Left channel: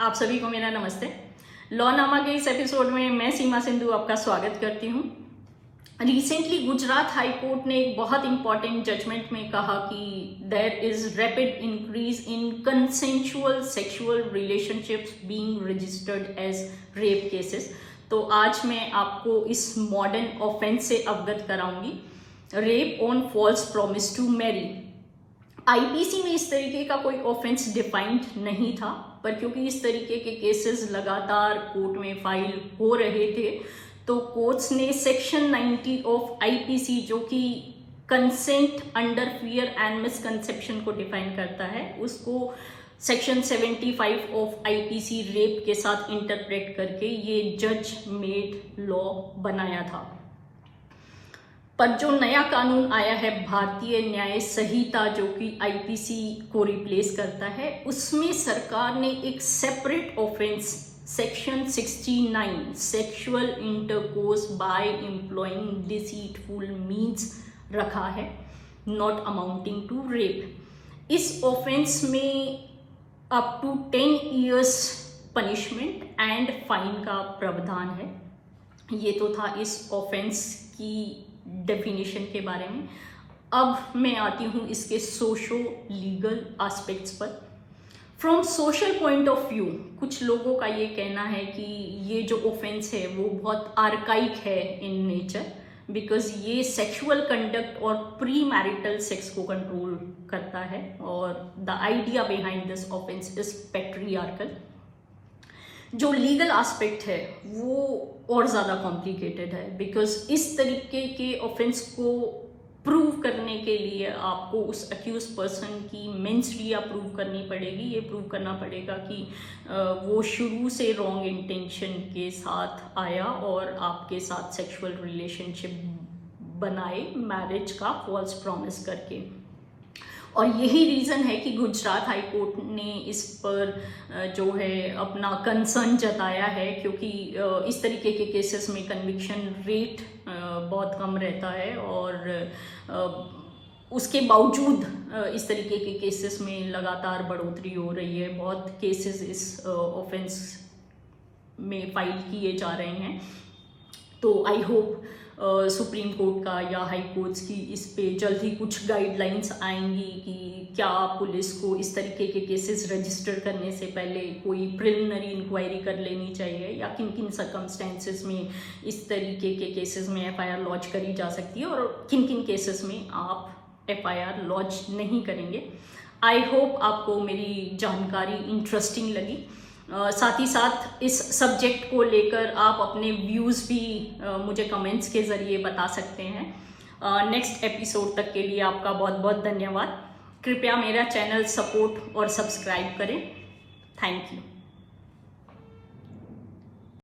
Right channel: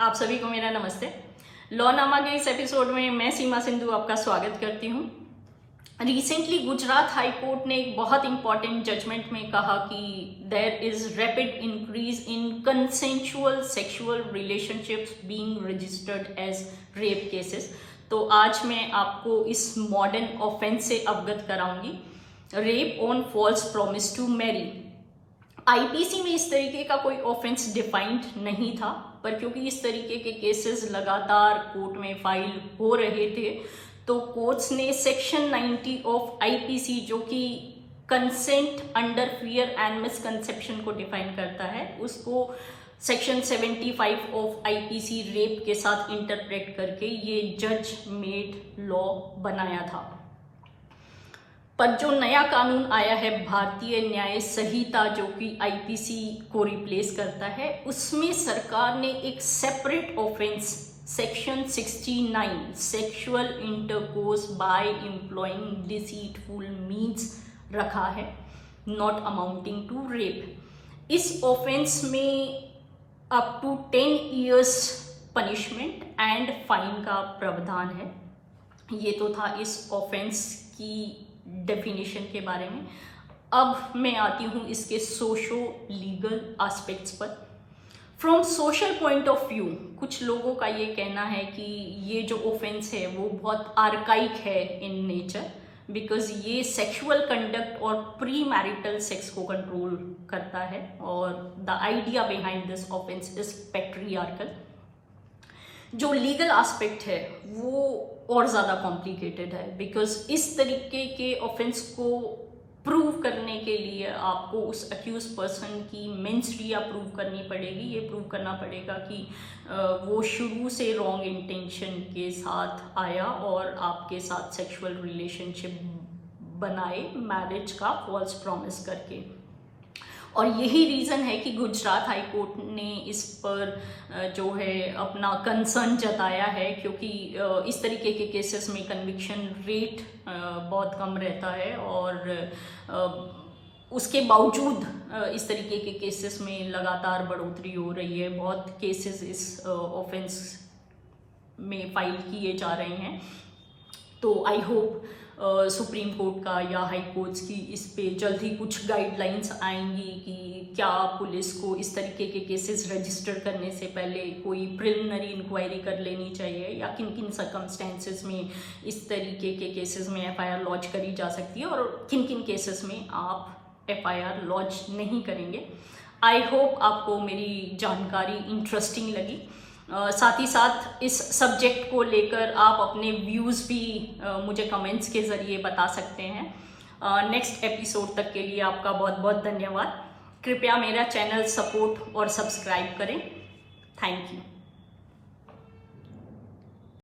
आप सभी को मेरा नमस्ते। लॉनामा के इस एपिसोड में मैं सीमा सिंधु आपका स्वागत करती हूँ। रिसेंटली गुजरात हाई कोर्ट ने एक बहुत इंपॉर्टेंट जजमेंट में कहा कि there is rapid increase in consensual sexual relationships being registered as rape cases. तो आज मैं आपको इस मॉडर्न ऑफेंस से अवगत कराऊंगी, rape on false promise to marry. IPC में इस तरीके का कोई ऑफेंस डिफाइंड नहीं था, पर क्योंकि इस तरीके के केसेस लगातार कोर्ट में फाइल हो रहे थे तो कोर्ट्स ने सेक्शन 90 ऑफ आईपीसी, जो कि consent under fear and misconception को डिफाइन करता है, उसको सेक्शन 75 ऑफ आईपीसी रेप के साथ इंटरप्रेट करके ये जज मेड लॉ बनाया था। पर जो नया कानून आया है भारतीय न्याय संहिता, जो कि आईपीसी को रिप्लेस करता है, उसमें सरकार ने एक separate offence section 69 sexual intercourse by employing deceitful means रखा है, नॉट अमाउंटिंग टू रेप। इस ऑफेंस में up to 10 years punishment and fine का प्रावधान है। ये तो था इस ऑफेंस की डेफिनेशन के बारे में। अब मैं आती हूँ इसके सोशो लीगल एस्पेक्ट्स पर। From social point of view कुछ लोगों का ये कहना है कि ये जो ऑफेंस है वो बहुत आर्काइक है इन नेचर, बिकॉज ये सेक्सुअल कंडक्ट और प्री मैरिटल सेक्स को कंट्रोल करता है, और the idea behind this offence is patriarchal. जो लीगल एस्पेक्ट है वो और ज़्यादा कॉम्प्लिकेटेड है, बिकॉज इस तरीके के ऑफेंस को प्रूव करने के लिए आपको उस अक्यूज पर्सन की मेंस्ट्रिया प्रूव करनी पड़ेगी। ये प्रूव करना पड़ेगा कि वो शुरू से रॉन्ग इंटेंशन के साथ आया और आपके साथ सेक्सुअल रिलेशनशिप बनाए मैरिज का फॉल्स प्रॉमिस करके। और यही रीज़न है कि गुजरात हाई कोर्ट ने इस पर जो है अपना कंसर्न जताया है, क्योंकि इस तरीके के केसेस में कन्विक्शन रेट बहुत कम रहता है, और उसके बावजूद इस तरीके के केसेस में लगातार बढ़ोतरी हो रही है। बहुत केसेस इस ऑफेंस में फाइल किए जा रहे हैं। तो आई होप सुप्रीम कोर्ट का या हाई कोर्ट्स की इस पे जल्द ही कुछ गाइडलाइंस आएंगी कि क्या पुलिस को इस तरीके के केसेस रजिस्टर करने से पहले कोई प्रिलिमिनरी इंक्वायरी कर लेनी चाहिए, या किन किन सर्कमस्टेंसेस में इस तरीके के केसेस में एफआईआर लॉन्च करी जा सकती है और किन किन केसेस में आप एफआईआर लॉन्च नहीं करेंगे। आई होप आपको मेरी जानकारी इंटरेस्टिंग लगी। साथ ही साथ इस सब्जेक्ट को लेकर आप अपने व्यूज़ भी मुझे कमेंट्स के ज़रिए बता सकते हैं। नेक्स्ट एपिसोड तक के लिए आपका बहुत बहुत धन्यवाद। कृपया मेरा चैनल सपोर्ट और सब्सक्राइब करें। Thank you.